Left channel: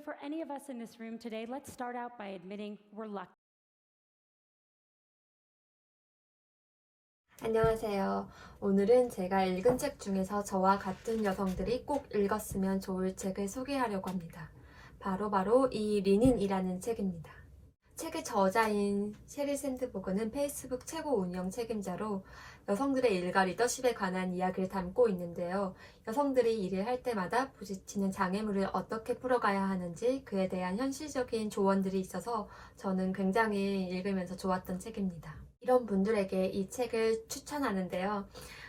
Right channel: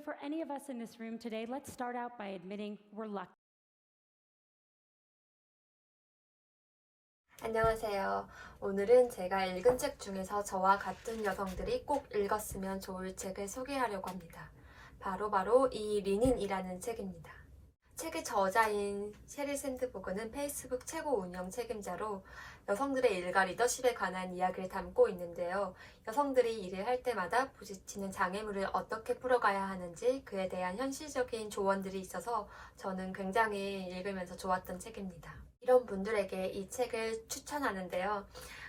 So for any of us in this room today, let's start out by admitting we're lucky. 안녕하세요. 오늘은 제가 읽은 책 중에서 저와 같은 여성들이 꼭 읽었으면 좋을 책을 소개하려고 합니다. 바로 이 리닌이라는 책입니다. 책의 저자인 sheryl sandberg는 페이스북 최고 운영 책임자로 여성들의 일과 리더십에 관한 이야기를 담고 있는데요. 여성들이 일을 할 때마다 부딪히는 장애물을 어떻게 풀어가야 하는지 그에 대한 현실적인 조언들이 있어서 저는 굉장히 읽으면서 좋았던 책입니다. 이런 분들에게 이 책을 추천하는데요.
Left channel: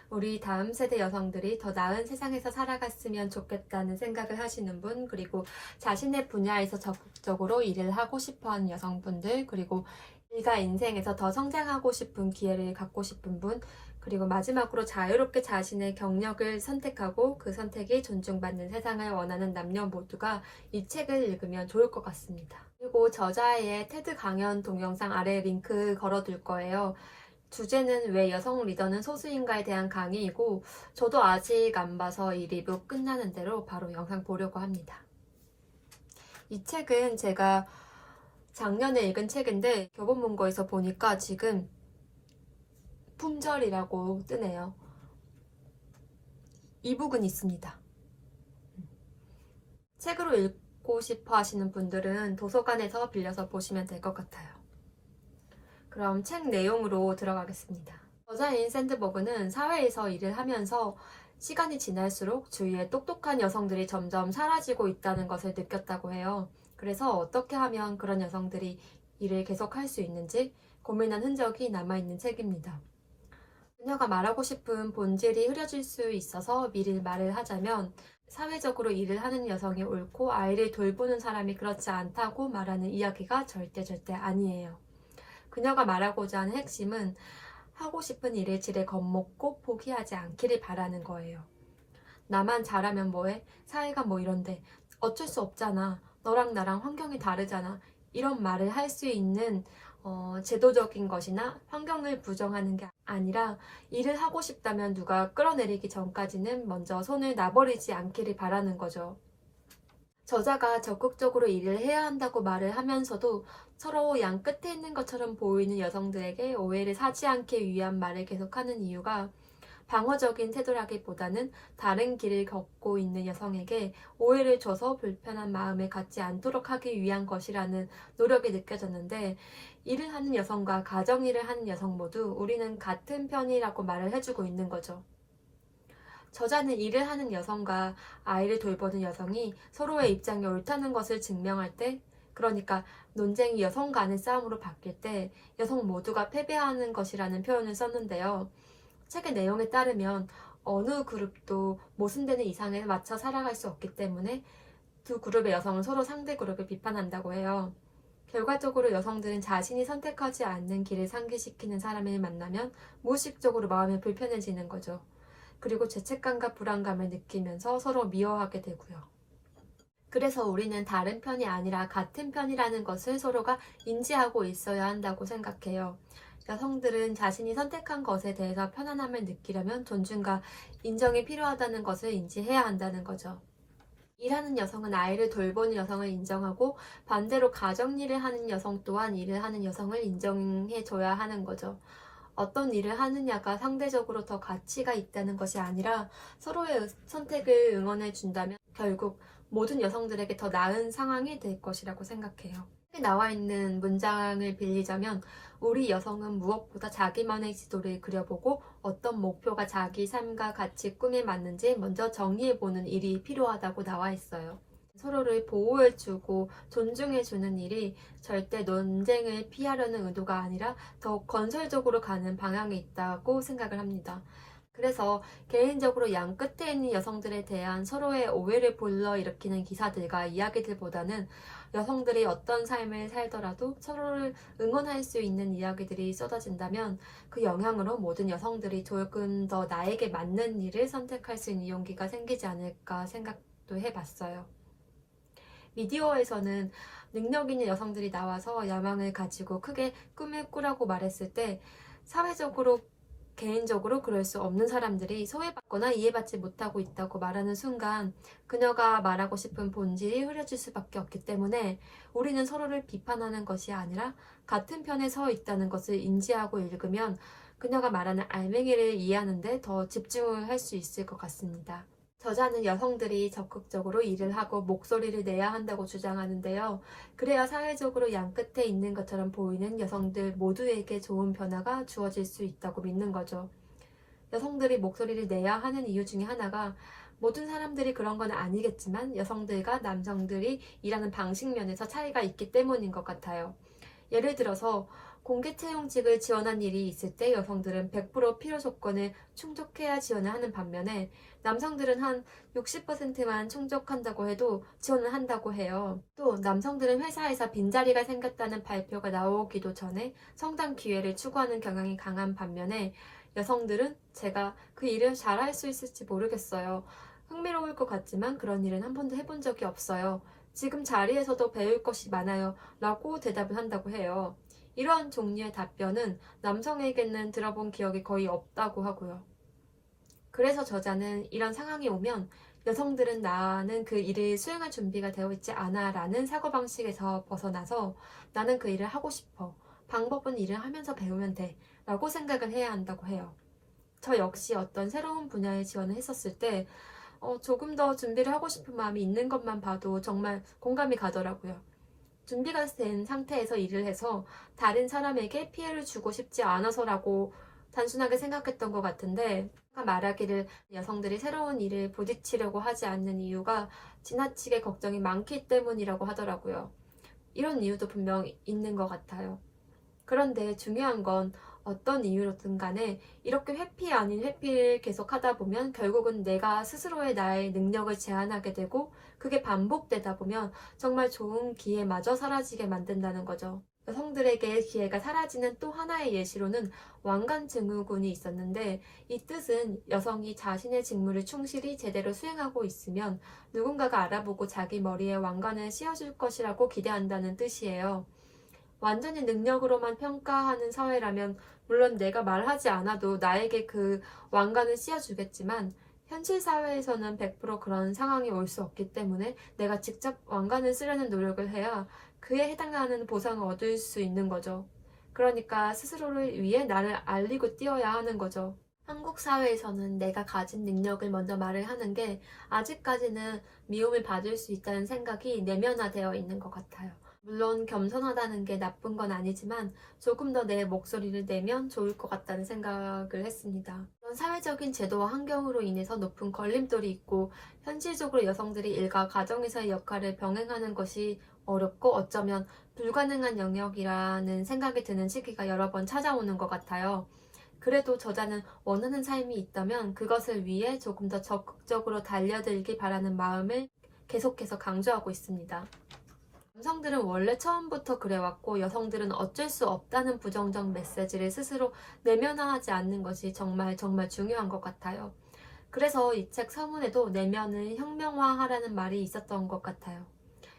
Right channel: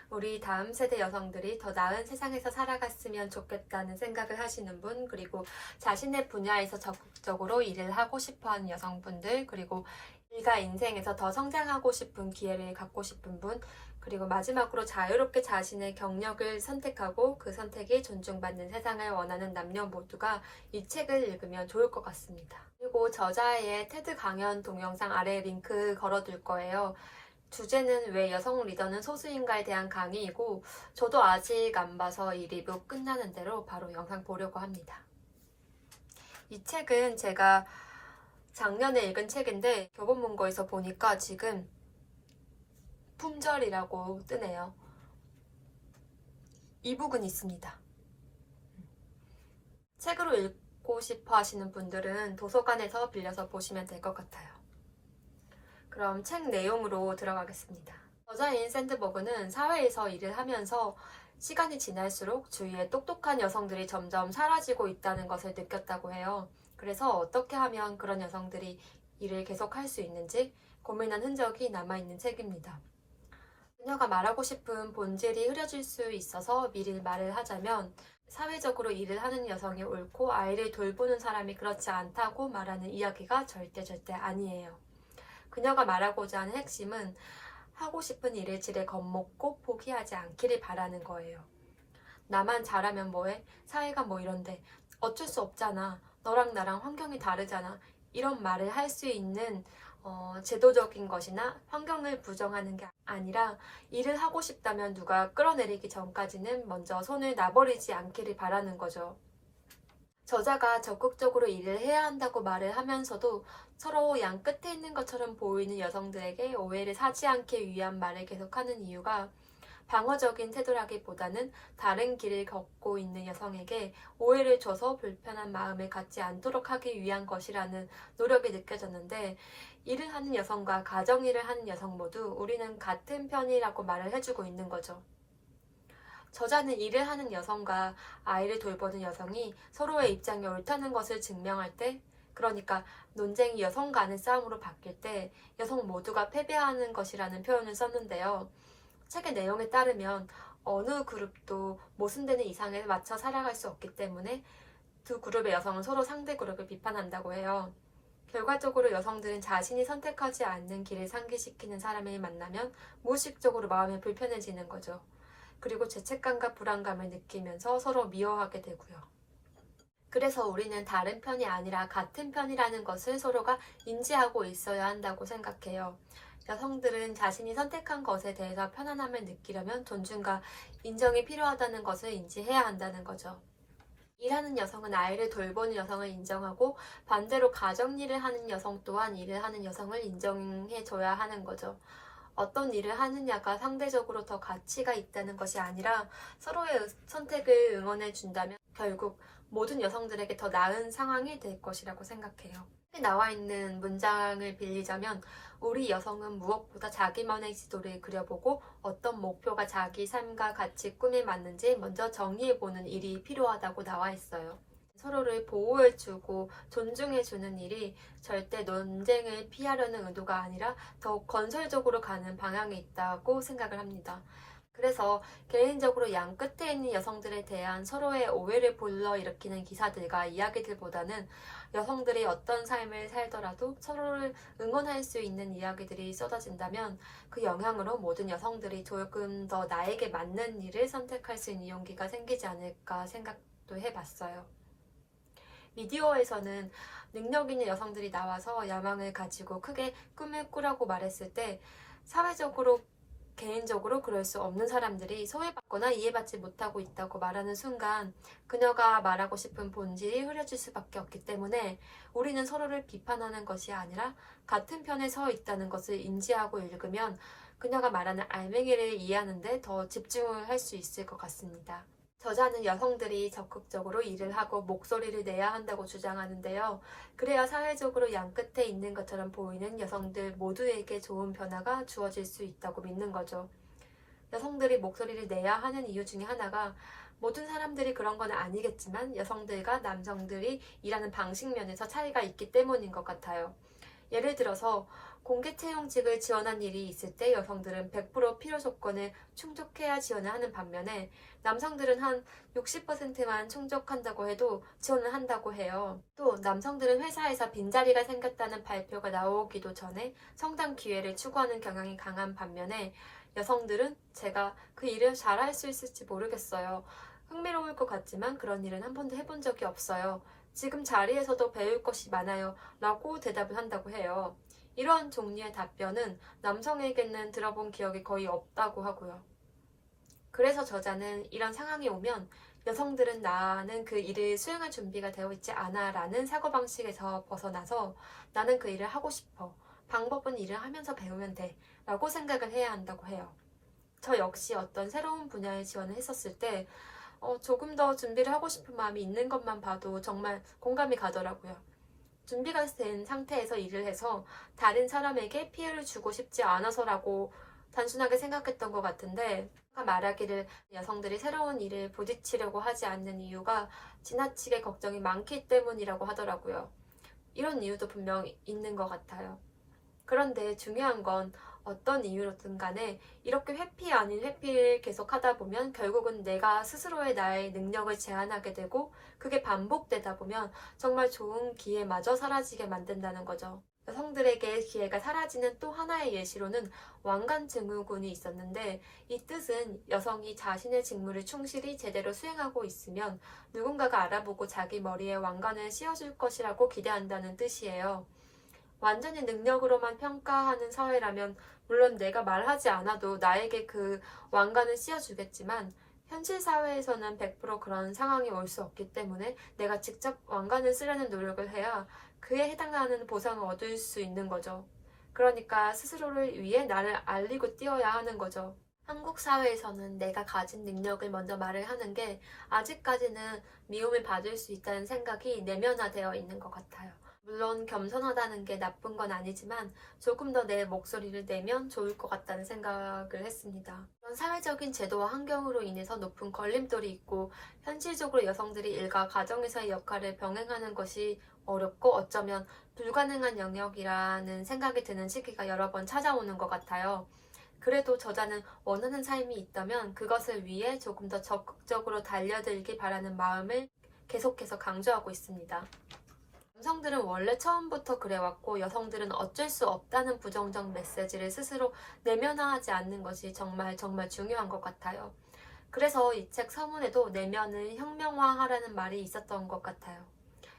우리 다음 세대 여성들이 더 나은 세상에서 살아갔으면 좋겠다는 생각을 하시는 분, 그리고 자신의 분야에서 적극적으로 일을 하고 싶어하는 여성분들, 그리고 일과 인생에서 더 성장하고 싶은 기회를 갖고 싶은 분, 그리고 마지막으로 자유롭게 자신의 경력을 선택하고 그 선택이 존중받는 세상을 원하는 남녀 모두가 이 책을 읽으면 좋을 것 같습니다. 그리고 저자의 테드 강연 동영상 아래에 링크 걸어둘 거예요. 주제는 왜 여성 리더는 소수인가에 대한 강의이고, 저도 아직 안 봐서 이 리뷰 끝나는 대로 바로 영상 보려고 합니다. 이 책은 제가 작년에 읽은 책인데 교보문고에서 보니까 지금 품절이라고 뜨네요. 이북은 있습니다. 책으로 읽고 싶어 하시는 분들은 도서관에서 빌려서 보시면 될 것 같아요. 그럼 책 내용으로 들어가겠습니다. 저자인 샌드버그는 사회에서 일을 하면서 시간이 지날수록 주위에 똑똑한 여성들이 점점 사라지고 있다는 것을 느꼈다고 해요. 그래서 어떻게 하면 그런 여성들이 일을 계속할 수 있는지 고민한 흔적이 남아있는 책입니다. 그녀가 말하고 싶은 본질이 흐려질 수 있어서 미리 말을 하자면, 사회적으로 일을 하는 여성이 옳고 아이를 돌보는 사람이 그렇지 않다고 말하는 이야기가 절대 아니에요. 그녀가 말하고자 하는 핵심은 하고 싶은 일의 질에 겁먹고 포기하지 않기를 바라는 거예요. 나만 잘하면 뭐해? 사회가 뭐 이런데. 어쩔 수 없잖아. 너랑 나랑 환경이 다르잖아. 이런 말을 할 수 있는 제도적인 것이나 환경을 부정하는 게 아니라, 일을 하고 싶다면 누가 끌어내리기 전까지는 먼저 손을 놔버리지 않기를 바라는 거죠. 저자가 적극적으로 일을 해야 한다고 말을 하면서도 서로 양 끝에 있는 것처럼 보이는 여성들에게 오해를 사지 않기 위한 말을 계속하는 이유가, 방어적인 태도라기보다는 다른 길을 걷고 있는 여성에게 오해를 줘서 불편한 마음을 갖지 않도록 하기 위한 것이라는 노력이 느껴졌는데, 일을 하는 여성과 가정일을 하는 여성 모두 우리는 같은 편이라고 말을 해주고 있는 거죠. 저자는 일을 하는 여성과 아이를 돌보는 여성이 서로의 입장이 옳다는 것을 증명할 때, 그러니까 논쟁이 여성 간의 싸움으로 바뀔 때 여성 모두가 패배하는 것이라는 표현을 썼는데요. 책의 내용에 따르면 어느 그룹도 모순되는 이상에 맞춰 살아갈 수 없기 때문에 두 그룹의 여성은 서로 상대 그룹을 비판한다고 해요. 결과적으로 여성들은 자신이 선택하지 않는 길을 상기시키는 사람을 만나면 무의식적으로 마음이 불편해지는 거죠. 그리고 죄책감과 불안감을 느끼면서 서로 미워하게 되고요. 그래서 우리는 다른 편이 아니라 같은 편이라는 것을 서로가 인지하고 있어야 한다고 생각해요. 여성들은 자신이 선택한 것에 대해서 편안함을 느끼려면 존중과 인정이 필요하다는 것을 인지해야 한다는 거죠. 일하는 여성은 아이를 돌보는 여성을 인정하고, 반대로 가정일을 하는 여성 또한 일을 하는 여성을 인정해줘야 하는 거죠. 어떤 일을 하느냐가 상대적으로 더 가치가 있다는 것이 아니라 서로의 선택을 응원해 준다면 결국 모든 여성들에게 더 나은 상황이 될 것이라고 생각해요. 여기 나와 있는 문장을 빌리자면, 우리 여성은 무엇보다 자기만의 지도를 그려보고 어떤 목표가 자기 삶과 가치 꿈에 맞는지 먼저 정리해보는 일이 필요하다고 나와 있어요. 서로를 보호해주고 존중해주는 일이 절대 논쟁을 피하려는 의도가 아니라 더 건설적으로 가는 방향이 있다고 생각을 합니다. 그래서 개인적으로 양 끝에 있는 여성들에 대한 서로의 오해를 불러일으키는 기사들과 이야기들보다는 여성들이 어떤 삶을 살더라도 서로를 응원할 수 있는 이야기들이 쏟아진다면, 그 영향으로 모든 여성들이 조금 더 나에게 맞는 일을 선택할 수 있는 용기가 생기지 않을까 생각도 해봤어요. 미디어에서는 능력 있는 여성들이 나와서 야망을 가지고 크게 꿈을 꾸라고 말했을 때 사회적으로 개인적으로 그럴 수 없는 사람들이 소외받거나 이해받지 못하고 있다고 말하는 순간 그녀가 말하고 싶은 본질이 흐려질 수밖에 없기 때문에 우리는 서로를 비판하는 것이 아니라 같은 편에 서 있다는 것을 인지하고 읽으면 그녀가 말하는 알맹이를 이해하는 데 더 집중을 할 수 있을 것 같습니다. 저자는 여성들이 적극적으로 일을 하고 목소리를 내야 한다고 주장하는데요. 그래야 사회적으로 양 끝에 있는 것처럼 보이는 여성들 모두에게 좋은 변화가 주어질 수 있다고 믿는 거죠. 여성들이 목소리를 내야 하는 이유 중에 하나가 모든 사람들이 그런 건 아니겠지만 여성들과 남성들이 일하는 방식 면에서 차이가 있기 때문인 것 같아요. 예를 들어서 공개 채용직을 지원한 일이 있을 때 여성들은 100% 필요 조건을 충족해야 지원을 하는 반면에 남성들은 한 60%만 충족한다고 해도 지원을 한다고 해요. 또 남성들은 회사에서 빈자리가 생겼다는 발표가 나오기도 전에 성장 기회를 추구하는 경향이 강한 반면에 여성들은 제가 그 일을 잘할 수 있을지 모르겠어요. 흥미로울 것 같지만 그런 일은 한 번도 해본 적이 없어요. 지금 자리에서도 배울 것이 많아요. 라고 대답을 한다고 해요. 이런 종류의 답변은 남성에게는 들어본 기억이 거의 없다고 하고요. 그래서 저자는 이런 상황이 오면 여성들은 나는 그 일을 수행할 준비가 되어 있지 않아 라는 사고방식에서 벗어나서 나는 그 일을 하고 싶어. 방법은 일을 하면서 배우면 돼. 라고 생각을 해야 한다고 해요. 저 역시 어떤 새로운 분야에 지원을 했었을 때 조금 더 준비를 하고 싶은 마음이 있는 것만 봐도 정말 공감이 가더라고요. 준비가 된 상태에서 일을 해서 다른 사람에게 피해를 주고 싶지 않아서라고 단순하게 생각했던 것 같은데 말하기를 여성들이 새로운 일을 부딪히려고 하지 않는 이유가 지나치게 걱정이 많기 때문이라고 하더라고요. 이런 이유도 분명 있는 것 같아요. 그런데 중요한 건 어떤 이유로든 간에 이렇게 회피 아닌 회피를 계속 하다 보면 결국은 내가 스스로의 나의 능력을 제한하게 되고 그게 반복되다 보면 정말 좋은 기회마저 사라지게 만든다는 거죠. 여성들에게 기회가 사라지는 또 하나의 예시로는 왕관 증후군이 있었는데 이 뜻은 여성이 자신의 직무를 충실히 제대로 수행하고 있으면 누군가가 알아보고 자기 머리에 왕관을 씌워줄 것이라고 기대한다는 뜻이에요. 완전히 능력으로만 평가하는 사회라면 물론 내가 말하지 않아도 나에게 그 왕관을 씌워주겠지만 현실 사회에서는 100% 그런 상황이 올 수 없기 때문에 내가 직접 왕관을 쓰려는 노력을 해야 그에 해당하는 보상을 얻을 수 있는 거죠. 그러니까 스스로를 위해 나를 알리고 띄워야 하는 거죠. 한국 사회에서는 내가 가진 능력을 먼저 말을 하는 게 아직까지는 미움을 받을 수 있다는 생각이 내면화되어 있는 것 같아요. 물론 겸손하다는 게 나쁜 건 아니지만 조금 더 내 목소리를 내면 좋을 것 같다는 생각을 했습니다. 사회적인 제도와 환경으로 인해서 높은 걸림돌이 있고 현실적으로 여성들이 일과 가정에서의 역할을 병행하는 것이 어렵고 어쩌면 불가능한 영역이라는 생각이 드는 시기가 여러 번 찾아오는 것 같아요. 그래도 저자는 원하는 삶이 있다면 그것을 위해 조금 더 적극적으로 달려들기 바라는 마음을 계속해서 강조하고 있습니다. 남성들은 원래 처음부터 그래왔고 여성들은 어쩔 수 없다는 부정적 메시지를 스스로 내면화하지 않는 것이 정말 중요한 것 같아요. 그래서 이 책 서문에도 내면을 혁명화하라는 말이 있었던 것 같아요.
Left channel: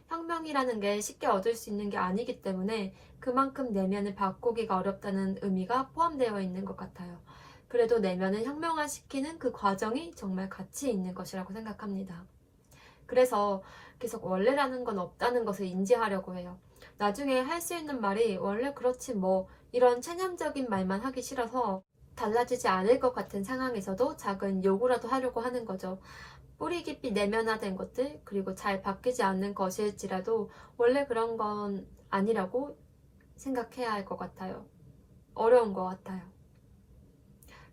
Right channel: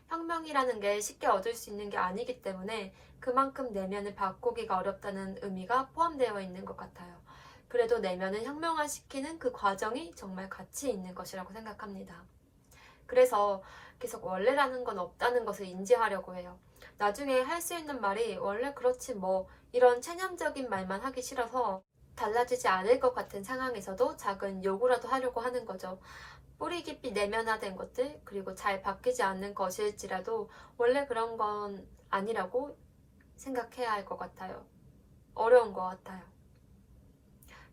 혁명이라는 게 쉽게 얻을 수 있는 게 아니기 때문에 그만큼 내면을 바꾸기가 어렵다는 의미가 포함되어 있는 것 같아요. 그래도 내면을 혁명화시키는 그 과정이 정말 가치 있는 것이라고 생각합니다. 그래서 계속 원래라는 건 없다는 것을 인지하려고 해요. 나중에 할 수 있는 말이 원래 그렇지 뭐 이런 체념적인 말만 하기 싫어서 달라지지 않을 것 같은 상황에서도 작은 요구라도 하려고 하는 거죠. 뿌리 깊이 내면화된 것들 그리고 잘 바뀌지 않는 것일지라도 원래 그런 건 아니라고 생각해야 할 것 같아요. 어려운 것 같아요.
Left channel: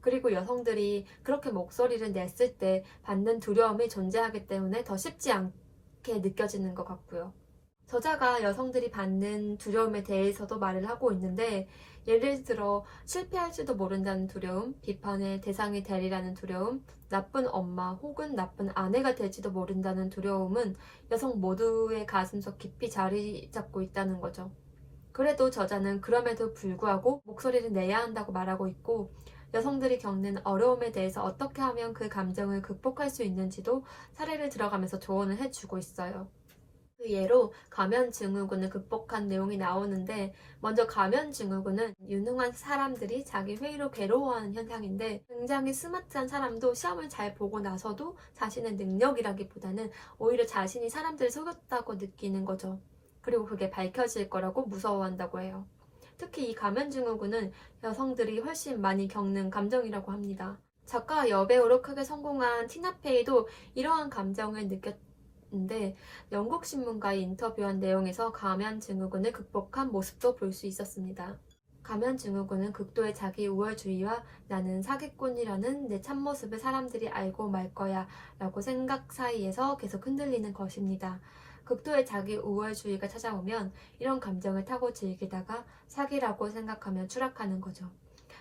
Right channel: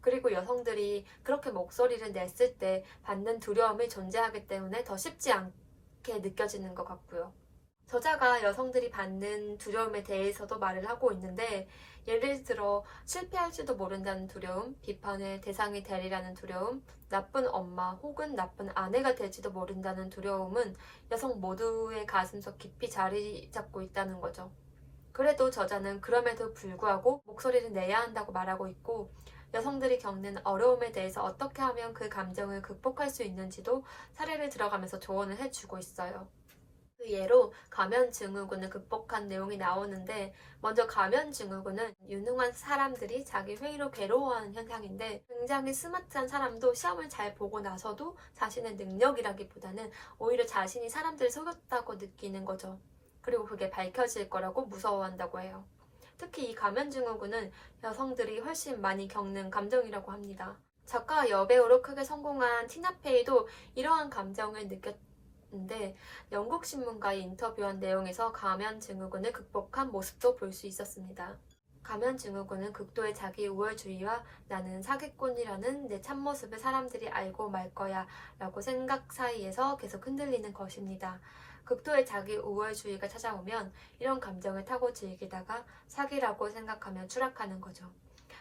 그리고 여성들이 그렇게 목소리를 냈을 때 받는 두려움이 존재하기 때문에 더 쉽지 않게 느껴지는 것 같고요. 저자가 여성들이 받는 두려움에 대해서도 말을 하고 있는데 예를 들어 실패할지도 모른다는 두려움, 비판의 대상이 되리라는 두려움, 나쁜 엄마 혹은 나쁜 아내가 될지도 모른다는 두려움은 여성 모두의 가슴속 깊이 자리 잡고 있다는 거죠. 그래도 저자는 그럼에도 불구하고 목소리를 내야 한다고 말하고 있고 여성들이 겪는 어려움에 대해서 어떻게 하면 그 감정을 극복할 수 있는지도 사례를 들어가면서 조언을 해주고 있어요. 그 예로 가면증후군을 극복한 내용이 나오는데, 먼저 가면증후군은 유능한 사람들이 자기 회의로 괴로워하는 현상인데, 굉장히 스마트한 사람도 시험을 잘 보고 나서도 자신의 능력이라기보다는 오히려 자신이 사람들을 속였다고 느끼는 거죠. 그리고 그게 밝혀질 거라고 무서워한다고 해요. 특히 이 가면증후군은 여성들이 훨씬 많이 겪는 감정이라고 합니다. 작가와 여배우로 크게 성공한 티나페이도 이러한 감정을 느꼈는데, 영국 신문과의 인터뷰한 내용에서 가면증후군을 극복한 모습도 볼 수 있었습니다. 가면증후군은 극도의 자기 우월주의와 나는 사기꾼이라는 내 참모습을 사람들이 알고 말 거야 라고 생각 사이에서 계속 흔들리는 것입니다. 극도의 자기 우월주의가 찾아오면 이런 감정을 타고 즐기다가 사기라고 생각하며 추락하는 거죠.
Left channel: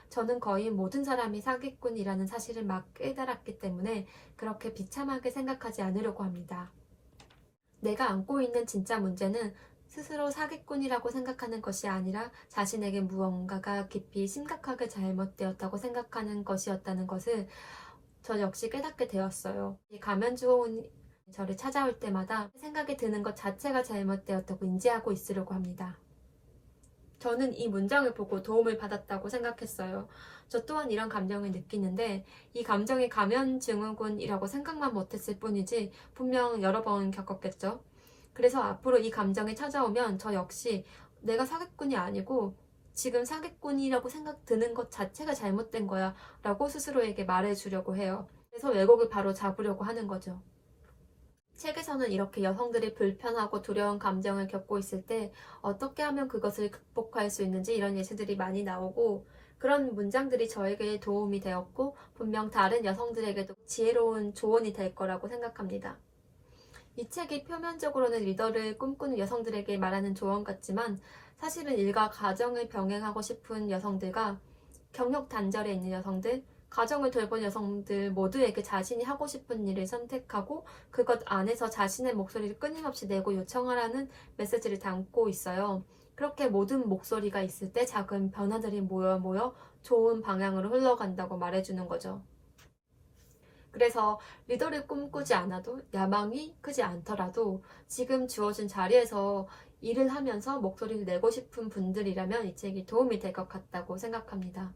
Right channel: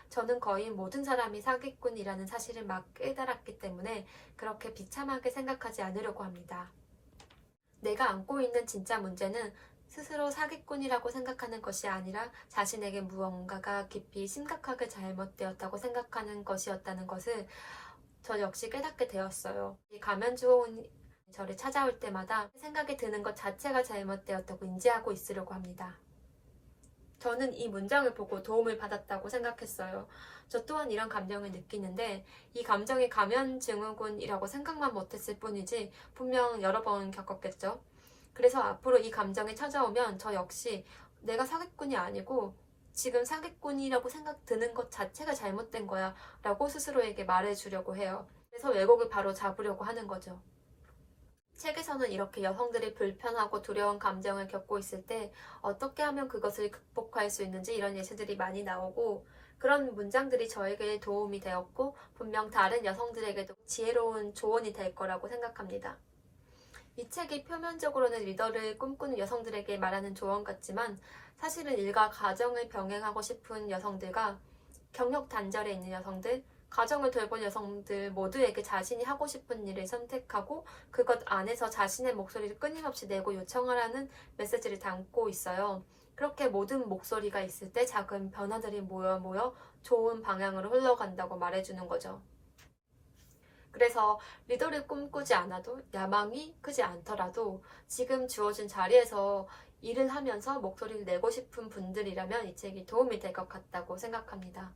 저는 거의 모든 사람이 사기꾼이라는 사실을 막 깨달았기 때문에 그렇게 비참하게 생각하지 않으려고 합니다. 내가 안고 있는 진짜 문제는 스스로 사기꾼이라고 생각하는 것이 아니라 자신에게 무언가가 깊이 심각하게 잘못되었다고 생각하는 것이었다는 것을 저 역시 깨닫게 되었어요. 가면증후군이 저를 찾아올 때마다 생각이 드는 것 자체가 잘못되었다고 인지하고 있으려고 합니다. 저는 이 문장을 보고 도움을 받았다고 생각했어요. 저 또한 이런 감정을 느끼는데 이 감정이 가면증후군이라고 생각만 못했을 뿐이지 분명 여러 번 겪었겠죠. 그래서 앞으로 이 감정이 찾아오면 저 역시 내가 사기꾼이 아니고 지금 사기꾼이라고 생각 드는 것 자체가 잘못된 거야 라고 스스로에게 말해주려고 해요. 그래서 왜곡을 바로 잡으려고 하는 거죠. 책에서는 이렇게 여성들이 불편하고 두려운 감정을 겪고 있을 때 어떻게 하면 그것을 극복할 수 있는지 이런 예시들이 많이 나오고, 그런 문장들이 저에게 도움이 되었고 분명 다른 여성들에게도 지혜로운 조언이 될 거라고 생각합니다. 이 책이 표면적으로는 리더를 꿈꾸는 여성들에게 말하는 조언 같지만 사실은 일과 가정을 병행하고 싶은 여성들과 경력 단절에 있는 여성들, 가정을 돌본 여성들 모두에게 자신이 하고 싶은 일을 선택하고 그것 안에서 자신의 목소리를 끊임없이 내고 요청하라는 메시지를 담고 있어요. 그렇게 모든 목소리가 있을 때 작은 변화들이 모여 좋은 방향으로 흘러간다고 말해주는 거죠. 그래서 리더를 꿈꾸지 않아도 야망이 크지 않더라도 지금 주어진 자리에서 일을 하면서 목소리를 내고 싶은 분들이라면 이 책이 도움이 될 것 같다고 생각합니다.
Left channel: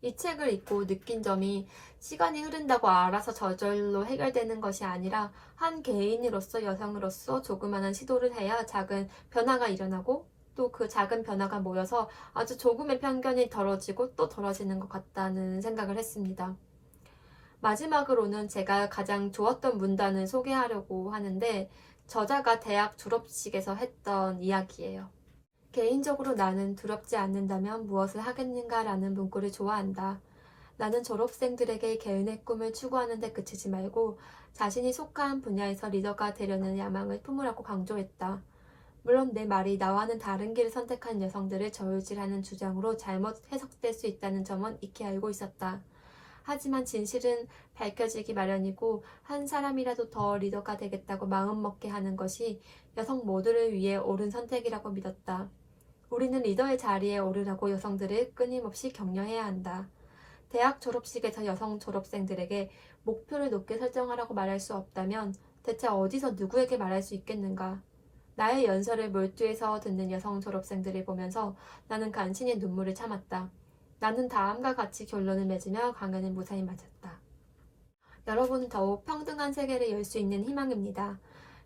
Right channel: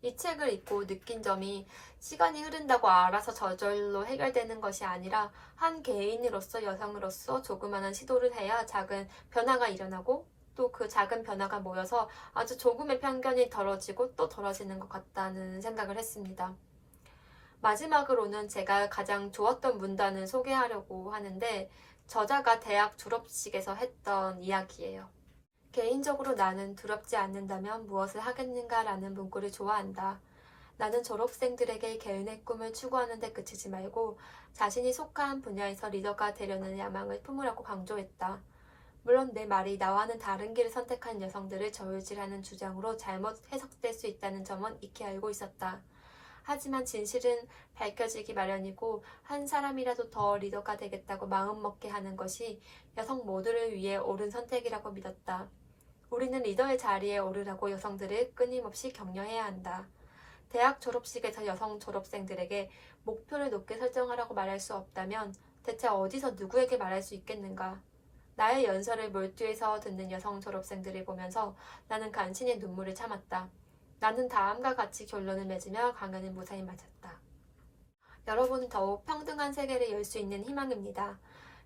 이 책을 읽고 느낀 점이 시간이 흐른다고 알아서 저절로 해결되는 것이 아니라 한 개인으로서 여성으로서 조그마한 시도를 해야 작은 변화가 일어나고 또 그 작은 변화가 모여서 아주 조금의 편견이 덜어지고 또 덜어지는 것 같다는 생각을 했습니다. 마지막으로는 제가 가장 좋았던 문단을 소개하려고 하는데 저자가 대학 졸업식에서 했던 이야기예요. 개인적으로 나는 두렵지 않는다면 무엇을 하겠는가 라는 문구를 좋아한다. 나는 졸업생들에게 개인의 꿈을 추구하는 데 그치지 말고 자신이 속한 분야에서 리더가 되려는 야망을 품으라고 강조했다. 물론 내 말이 나와는 다른 길을 선택한 여성들을 저울질하는 주장으로 잘못 해석될 수 있다는 점은 익히 알고 있었다. 하지만 진실은 밝혀지기 마련이고 한 사람이라도 더 리더가 되겠다고 마음먹게 하는 것이 여성 모두를 위해 옳은 선택이라고 믿었다. 우리는 리더의 자리에 오르라고 여성들을 끊임없이 격려해야 한다. 대학 졸업식에서 여성 졸업생들에게 목표를 높게 설정하라고 말할 수 없다면 대체 어디서 누구에게 말할 수 있겠는가? 나의 연설을 몰두해서 듣는 여성 졸업생들을 보면서 나는 간신히 눈물을 참았다. 나는 다음과 같이 결론을 맺으며 강연을 무사히 마쳤다. 여러분은 더욱 평등한 세계를 열 수 있는 희망입니다.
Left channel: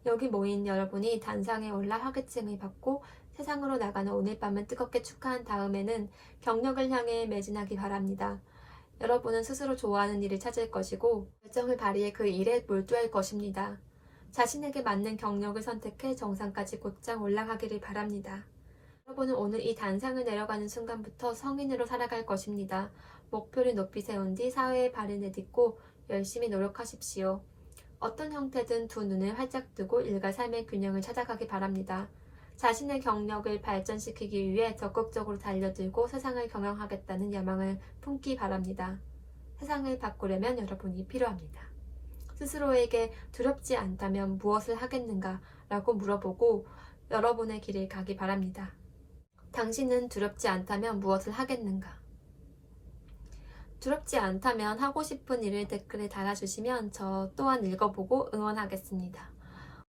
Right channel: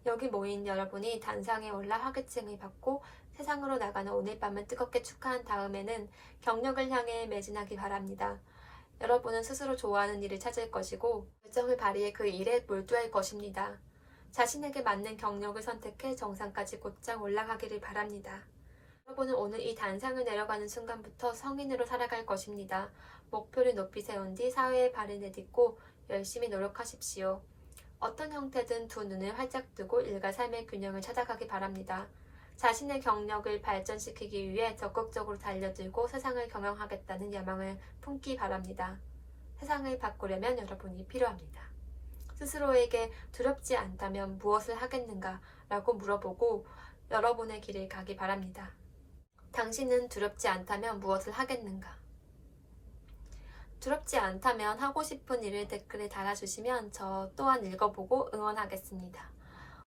여기 모인 여러분이 단상에 올라 화개층을 받고 세상으로 나가는 오늘 밤을 뜨겁게 축하한 다음에는 경력을 향해 매진하기 바랍니다. 여러분은 스스로 좋아하는 일을 찾을 것이고 열정을 발휘해 그 일에 몰두할 것입니다. 자신에게 맞는 경력을 선택해 정상까지 곧장 올라가기를 바랍니다. 여러분은 오늘 이 단상을 내려가는 순간부터 성인으로 살아갈 것입니다. 목표를 높이 세운 뒤 사회에 발을 내딛고 열심히 노력하십시오. 어떤 형태든 두 눈을 활짝 뜨고 일과 삶의 균형을 찾아가기 바랍니다. 자신의 경력을 발전시키기 위해 적극적으로 달려들고 세상을 경영하겠다는 야망을 품기 바랍니다. 세상을 바꾸려면 여러분이 필요합니다. 스스로에게 두렵지 않다면 무엇을 하겠는가? 라고 물어보고 여러분의 길을 가기 바랍니다. 당신은 두렵지 않다면 무엇을 하겠는가? 두렵지 않다면 하고 싶은 일을 댓글에 달아주시면 저 또한 읽어보고 응원하겠습니다.